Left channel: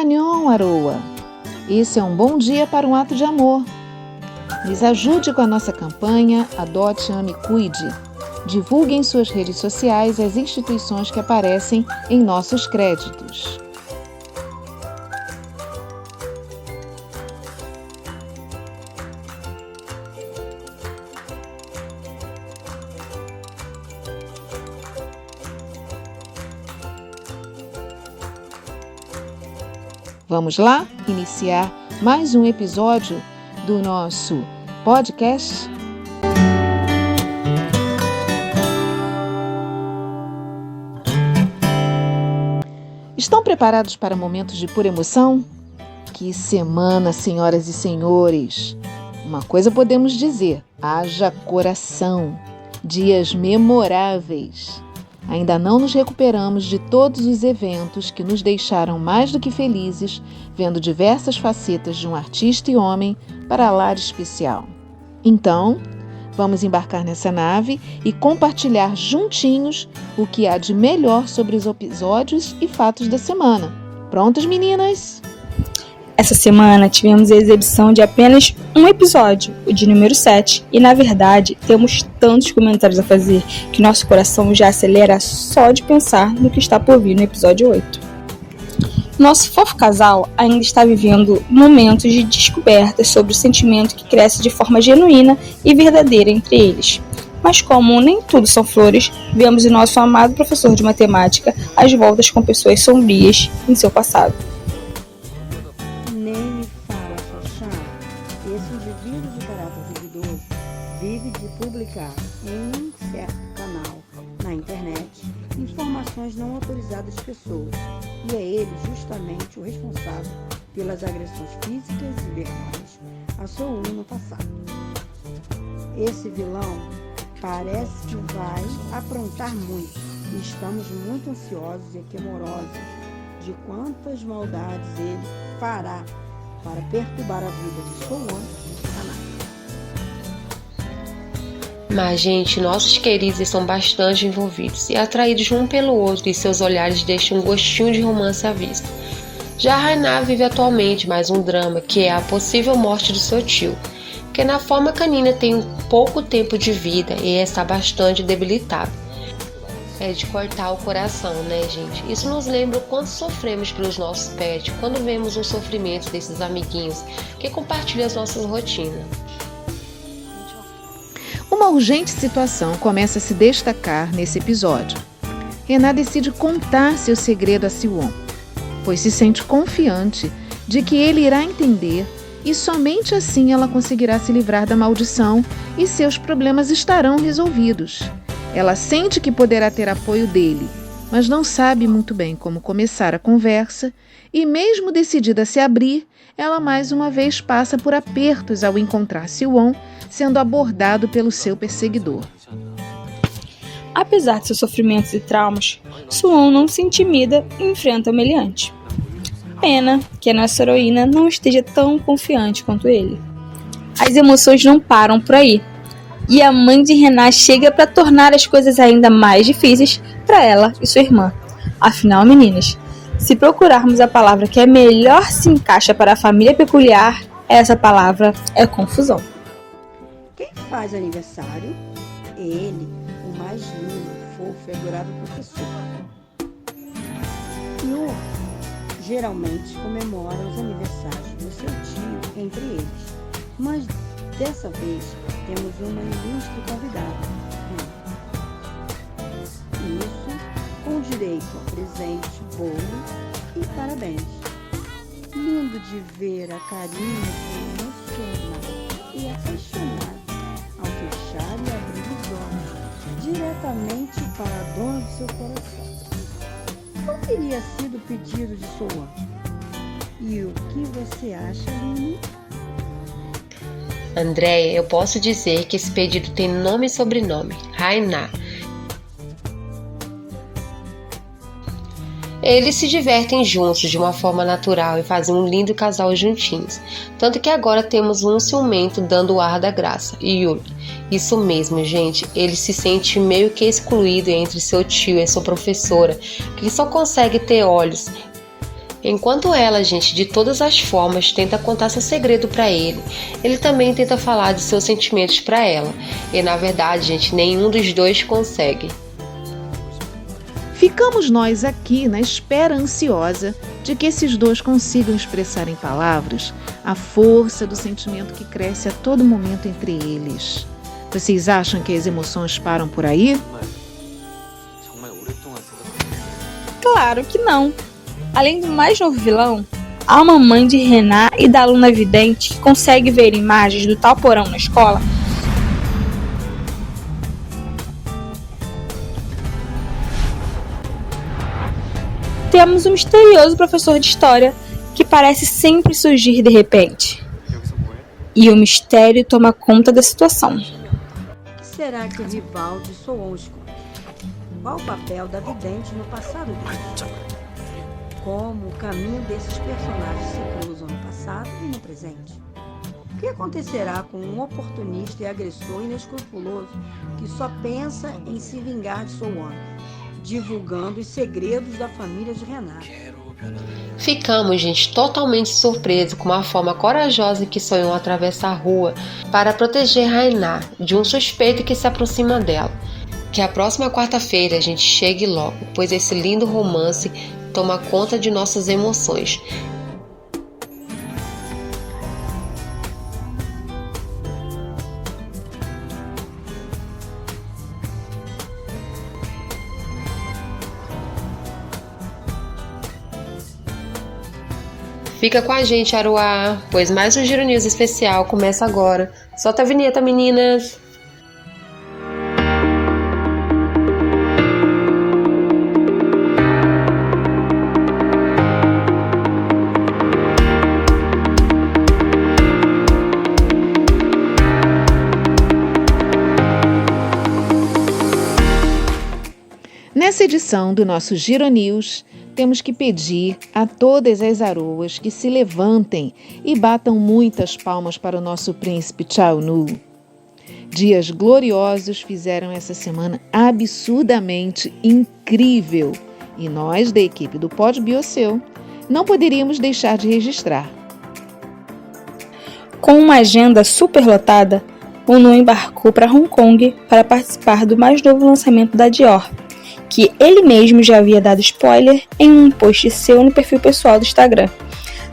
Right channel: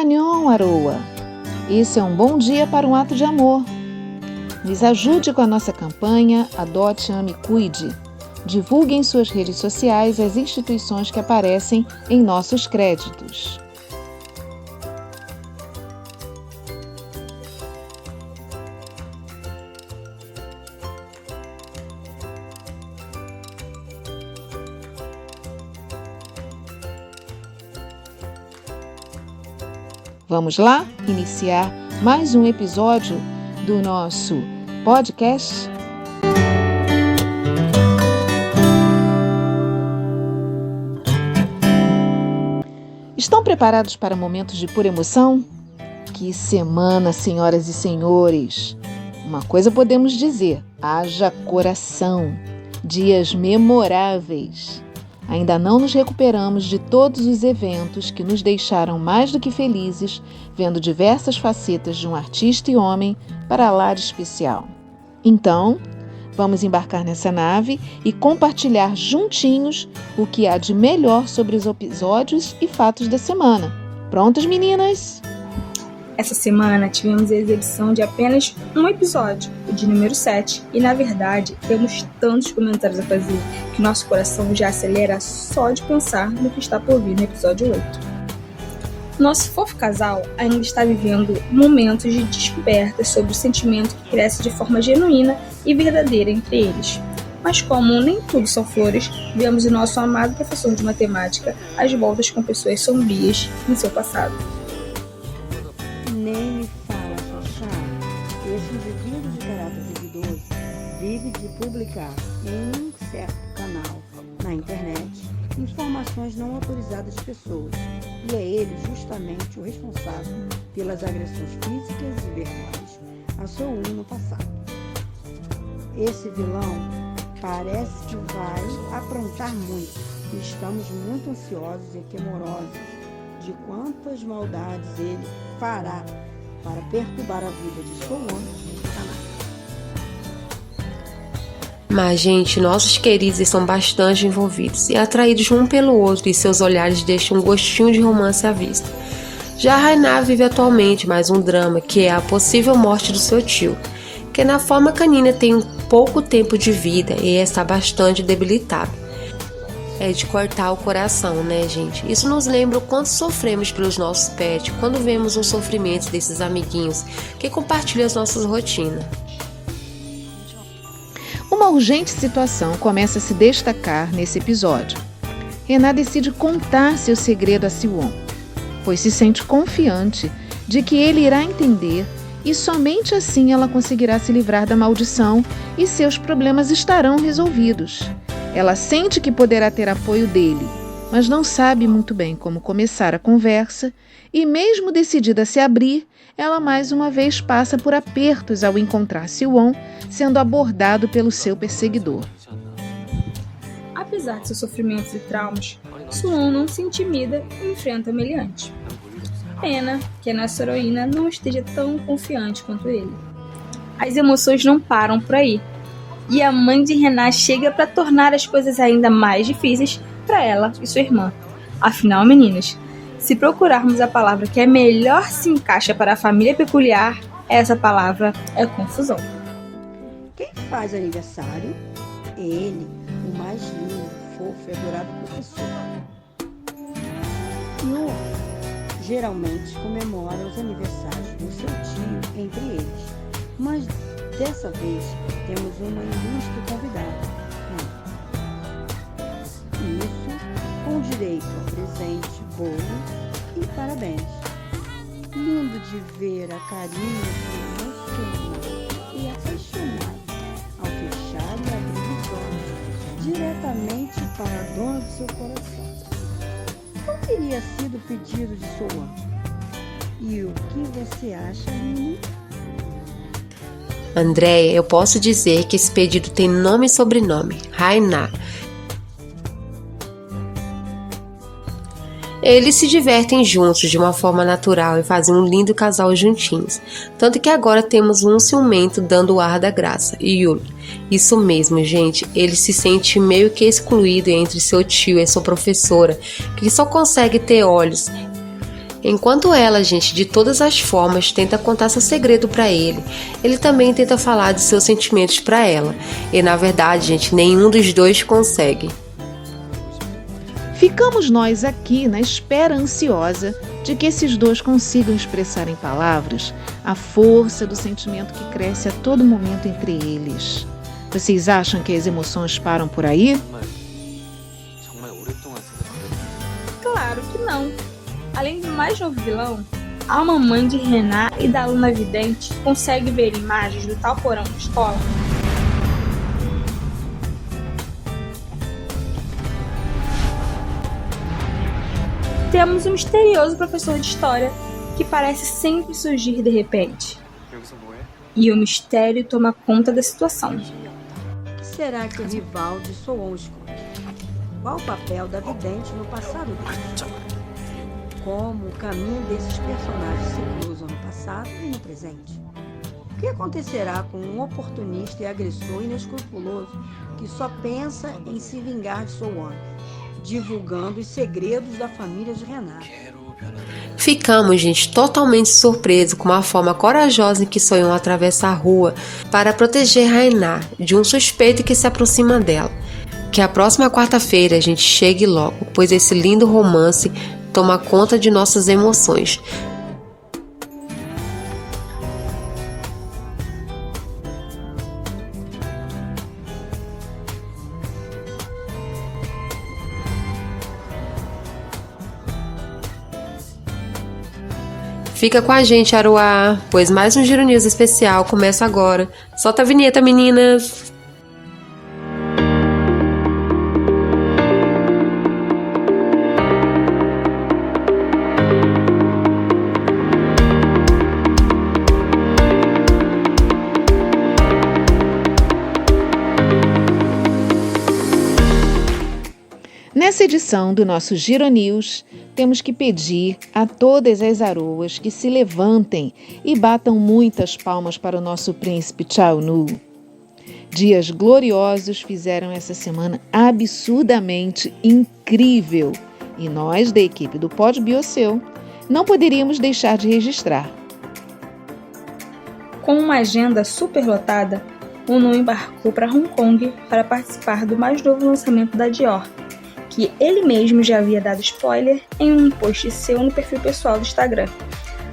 Annyeong, Aroa! Esse é um bom dia para um ato de amor. Nos ajude com a nossa campanha Adote, Ame, Cuide. Divulgue em suas redes sociais as instituições que aparecem em nossos créditos. Vamos lá iniciar mais um episódio do nosso podcast? Estão preparados para momentos de pura emoção? Que semana, senhoras e senhores! Uma coisa podemos dizer, haja coração! Dias memoráveis! Ainda não nos recuperamos de todos os eventos que nos deixaram mais do que felizes, vendo diversas facetas de um artista e homem para lá de especial. Então, vamos embarcar nessa nave e compartilhar juntinhos o que há de melhor sobre os episódios e fatos da semana. Prontas, meninas? Essa semana tivemos a exibição de apenas um episódio, o de número 7, e na verdade temos tantos comentários a fazer que nosso coração já acelera só de pensar no que está por vir no episódio 8. Nosso fofo casal ainda está vivendo momentos de descoberta sobre o sentimento que cresce de forma genuína e verdadeira entre eles. Mas como nem tudo são flores, vemos o nosso amado professor de matemática às voltas com pessoas sombrias em seu passado. Nem me fala, Xaxá. Esse indivíduo de caráter duvidoso vive de publicar em um certo canal na internet informações não autorizadas de pessoas, e é ele justamente o responsável pelas agressões físicas e verbais a Soon no passado. Esse vilão parece que vai aprontar muito, e estamos muito ansiosos e temorosos de quantas maldades ele fará para perturbar a vida de Soon e Hana. Mas, gente, nossos queridos estão bastante envolvidos e atraídos um pelo outro, e seus olhares deixam um gostinho de romance à vista. Já Hana vive atualmente mais um drama, que é a possível morte do seu tio, que na forma canina tem pouco tempo de vida e está bastante debilitado. É de cortar o coração, né, gente? Isso nos lembra o quanto sofremos pelos nossos pets quando vemos os sofrimentos desses amiguinhos que compartilham as nossas rotinas. Uma urgente situação começa a se destacar nesse episódio. Renan decide contar seu segredo a Siwon, pois se sente confiante de que ele irá entender e somente assim ela conseguirá se livrar da maldição e seus problemas estarão resolvidos. Ela sente que poderá ter apoio dele, mas não sabe muito bem como começar a conversa e, mesmo decidida a se abrir, ela mais uma vez passa por apertos ao encontrar Siwon sendo abordado pelo seu perseguidor. Apesar de seus sofrimentos e traumas, Suwon não se intimida e enfrenta o meliante. Pena que a nossa heroína não esteja tão confiante quanto ele. As emoções não param por aí, e a mãe de Renan chega para tornar as coisas ainda mais difíceis para ela e sua irmã. Afinal, meninas, se procurarmos a palavra que melhor se encaixa para a família peculiar, essa palavra é confusão. Quem faz aniversário? Ele, o mais lindo, fofo e adorável professor. Yu geralmente comemora os aniversários do seu tio entre eles, mas dessa vez temos uma ilustre convidada, isso com direito a presente, bolo e parabéns. Lindo de ver a carinha de emocionado e apaixonado ao fechar e abrir os olhos diretamente para a dona do seu coração. Qual teria sido o pedido de Soan? E o que você acha, Lini? Andréia, eu posso dizer que esse pedido tem nome e sobrenome, Hana. Eles se divertem juntos de uma forma natural e fazem um lindo casal juntinhos. Tanto que agora temos um ciumento dando o ar da graça. E Yuri, isso mesmo, gente, ele se sente meio que excluído entre seu tio e sua professora, que só consegue ter olhos. Enquanto ela, gente, de todas as formas, tenta contar seu segredo pra ele, ele também tenta falar de seus sentimentos pra ela. E na verdade, gente, nenhum dos dois consegue. Ficamos nós aqui na espera ansiosa de que esses dois consigam expressar em palavras a força do sentimento que cresce a todo momento entre eles. Vocês acham que as emoções param por aí? Claro que não. Além do mais novo vilão, há uma mãe de Renan e da aluna vidente que consegue ver imagens do tal porão na escola. Temos um misterioso professor de história que parece sempre surgir de repente. E o mistério toma conta da situação. O que será que o rival de Soon esconde? Qual o papel da vidente no passado dele? Como o caminho desses personagens se cruzam no passado e no presente? O que acontecerá com um oportunista e agressor inescrupuloso que só pensa em se vingar de Soon, divulgando os segredos da família de Renan? Ficamos, gente, totalmente surpresos com a forma corajosa em que Soyeon atravessa a rua para proteger Renan de um suspeito que se aproxima dela. Que a próxima quarta-feira a gente chegue logo, pois esse lindo romance toma conta de nossas emoções. Fica com a gente, Aruá, pois mais um Giro News especial começa agora. Solta a vinheta, meninas! Nessa edição do nosso Giro News, temos que pedir a todas as aroas que se levantem e batam muitas palmas para o nosso príncipe Chaonu. Dias gloriosos fizeram essa semana absurdamente incrível e nós, da equipe do Pod Bioseu, não poderíamos deixar de registrar. Com uma agenda superlotada, o Nu embarcou para Hong Kong para participar do mais novo lançamento da Dior, que ele mesmo já havia dado spoiler em um post seu no perfil pessoal do Instagram.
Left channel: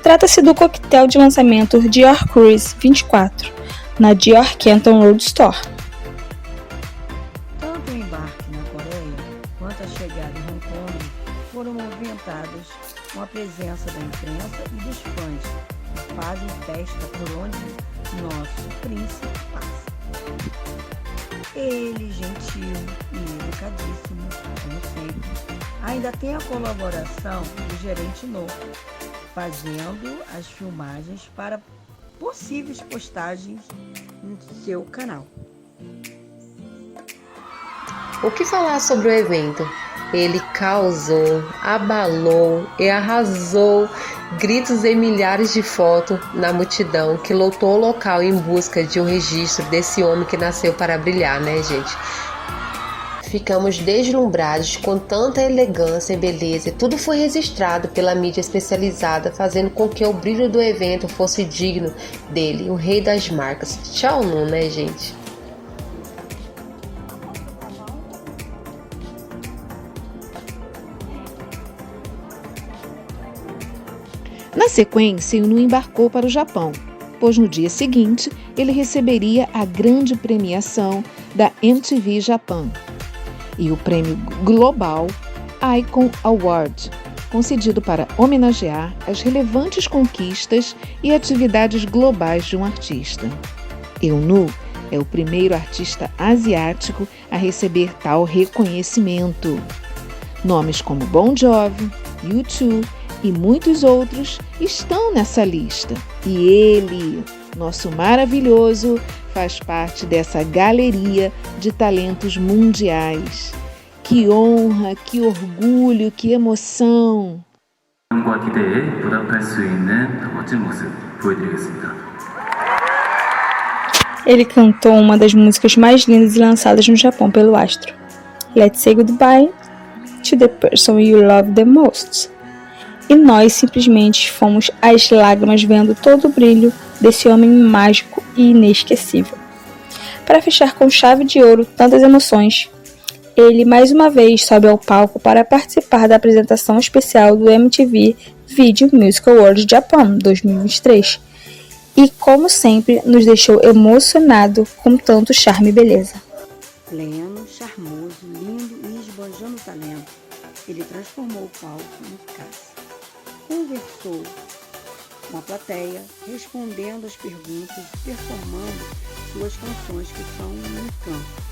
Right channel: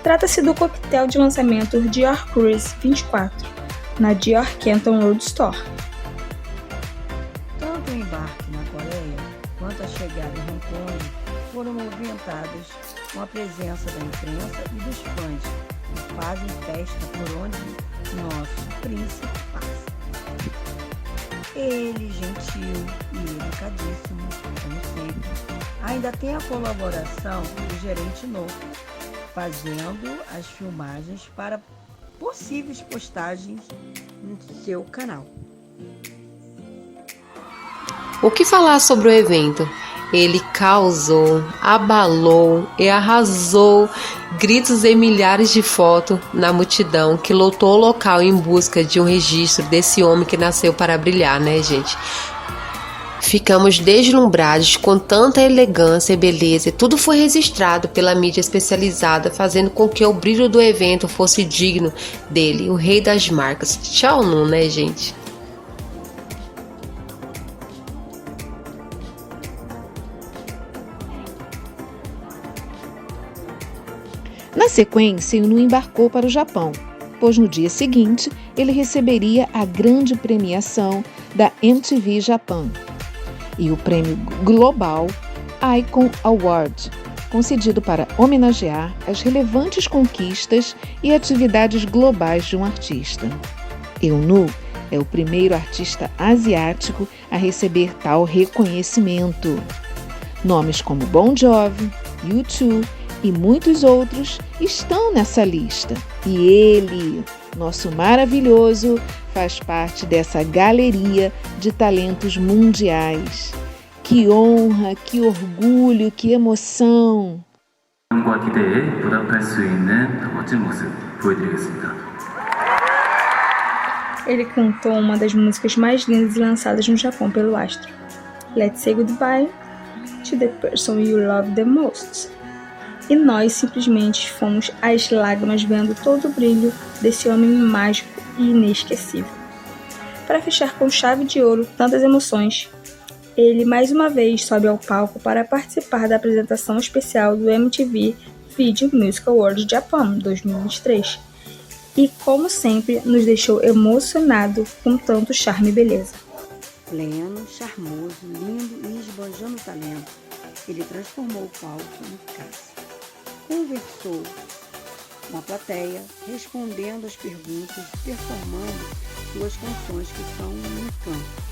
Trata-se do coquetel de lançamento Dior Cruise 24, na Dior Canton Road Store. Tanto o embarque na Coreia quanto a chegada em Hong Kong foram movimentadas com a presença da imprensa e dos fãs, que fazem festa por onde nosso príncipe passa. Ele, gentil e educadíssimo, como sempre, ainda tem a colaboração do gerente No, fazendo as filmagens para possíveis postagens no seu canal. O que falar sobre o evento? Ele causou, abalou e arrasou, gritos e milhares de fotos na multidão que lotou o local em busca de um registro desse homem que nasceu para brilhar, né, gente? Ficamos deslumbrados com tanta elegância e beleza e tudo foi registrado pela mídia especializada, fazendo com que o brilho do evento fosse digno dele, o rei das marcas. Tchau, Nu, né, gente? Na sequência, o Nu embarcou para o Japão, pois no dia seguinte ele receberia a grande premiação da MTV Japan e o prêmio global Icon Award, concedido para homenagear as relevantes conquistas e atividades globais de um artista. Nu é o primeiro artista asiático a receber tal reconhecimento. Nomes como Bon Jovi, U2 e muitos outros estão nessa lista. E ele, nosso maravilhoso, faz parte dessa galeria de talentos mundiais. Que honra, que orgulho, que emoção! Ele cantou uma das músicas mais lindas lançadas no Japão pelo astro, Let's Say Goodbye to the Person You Love the Most. e nós simplesmente fomos às lágrimas vendo todo o brilho desse homem mágico e inesquecível. Para fechar com chave de ouro tantas emoções, ele mais uma vez sobe ao palco para participar da apresentação especial do MTV Video Music Awards Japan 2023 e, como sempre, nos deixou emocionado com tanto charme e beleza. Pleno, charmoso, lindo e esbanjando talento, ele transformou o palco no cálice. Conversou com a plateia, respondendo às perguntas e performando suas canções que são um encanto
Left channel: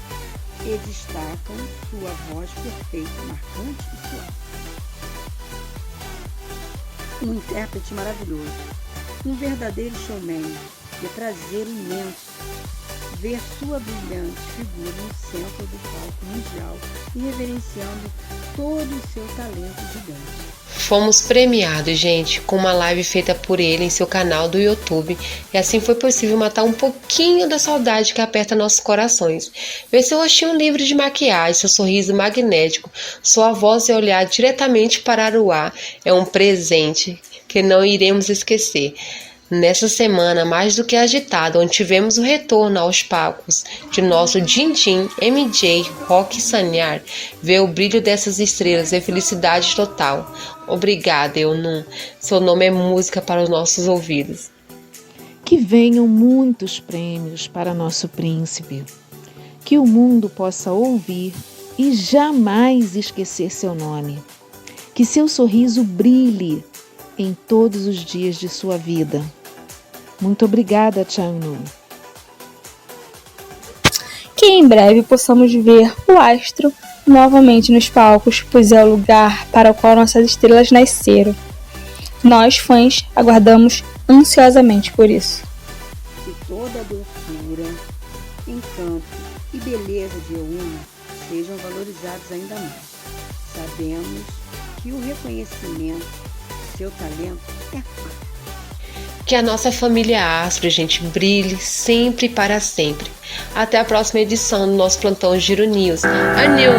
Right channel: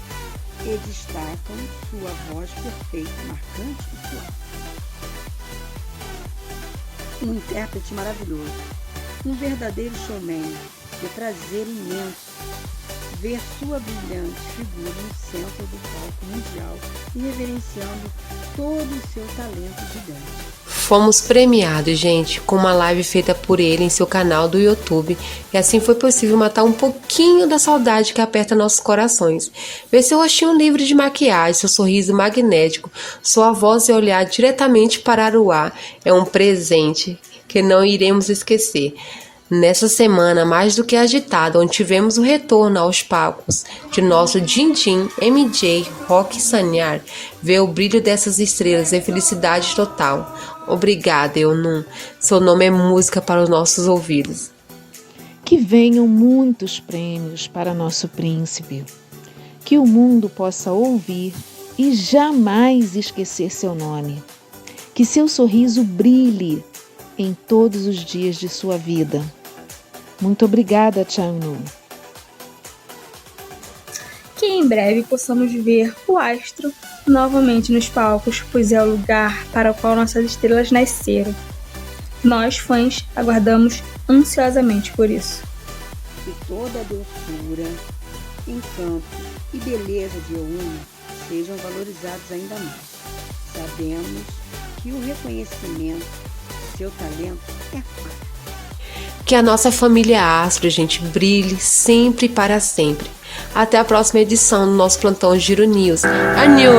e destacam sua voz perfeita, marcante e suave. Um intérprete maravilhoso, um verdadeiro showman, de prazer imenso ver sua brilhante figura no centro do palco mundial e reverenciando todo o seu talento gigante. Fomos premiados, gente, com uma live feita por ele em seu canal do YouTube, e assim foi possível matar um pouquinho da saudade que aperta nossos corações. Ver seu rostinho livre de maquiagem, seu sorriso magnético, sua voz e olhar diretamente para o ar é um presente que não iremos esquecer. Nessa semana mais do que agitada, onde tivemos o retorno aos palcos de nosso Din-Din MJ Rock Sanyar, ver o brilho dessas estrelas e felicidade total. Obrigada, Eunun. Seu nome é música para os nossos ouvidos. Que venham muitos prêmios para nosso príncipe. Que o mundo possa ouvir e jamais esquecer seu nome. Que seu sorriso brilhe em todos os dias de sua vida. Muito obrigada, Changnu. Que em breve possamos ver o astro novamente nos palcos, pois é o lugar para o qual nossas estrelas nasceram. Nós, fãs, aguardamos ansiosamente por isso. Que toda a doçura, encanto e beleza de Eunun sejam valorizados ainda mais. Sabemos que o reconhecimento do seu talento é fácil. Que a nossa família Astro, gente, brilhe sempre e para sempre. Até a próxima edição do nosso plantão Giro News. Annyeong!